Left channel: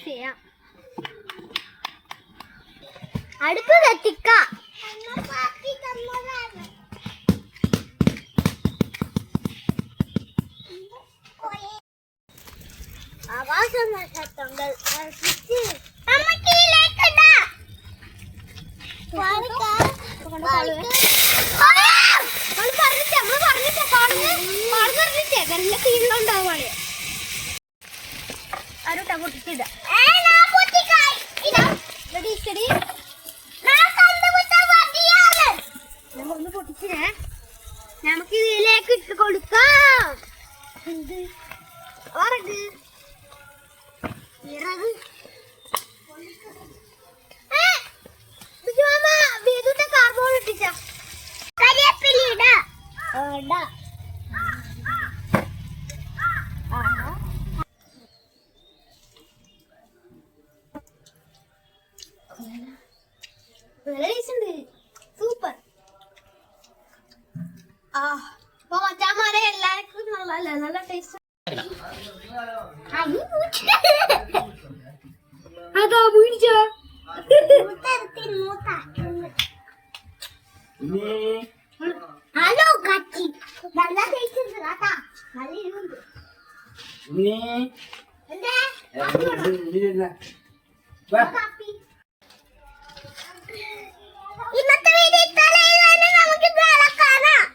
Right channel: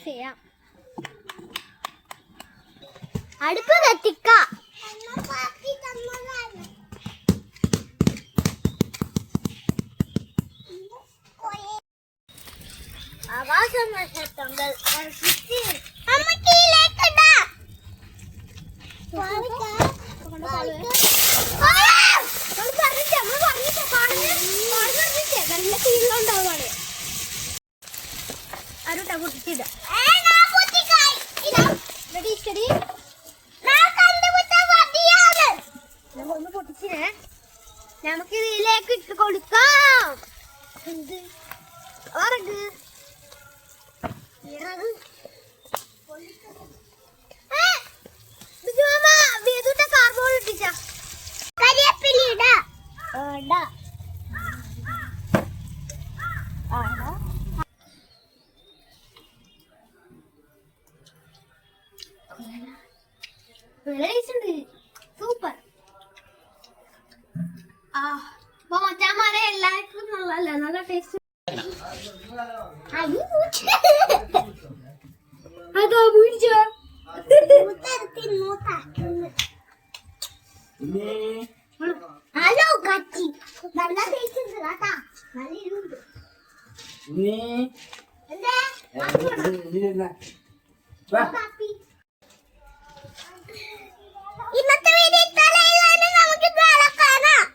Mix ചെയ്യാം. അടുപ്പ് കത്തിക്കാം. ആകാശം നല്ല തീരുണ്ടാവാണ്. ആരോട്ടാ പൊട്ടിച്ചിട ഒന്ന് പൊട്ടിച്ചിനെ. നമുക്ക് ഇതിലേക്ക് ഇട്ട് കൊടുക്കാം. Carbon ഇട്ടിച്ച കരിയേപ്പില super. മച്ചാമാരെ എല്ലാവർക്കും നല്ല ടേസ്റ്റ്. അതാ വീഴ്ച ഹലോ കച്ചി നല്ല ടേസ്റ്റ് ഉണ്ട് കേട്ടാ. ഇന്നത്തെ വീഡിയോ നമുക്ക് കാണാം.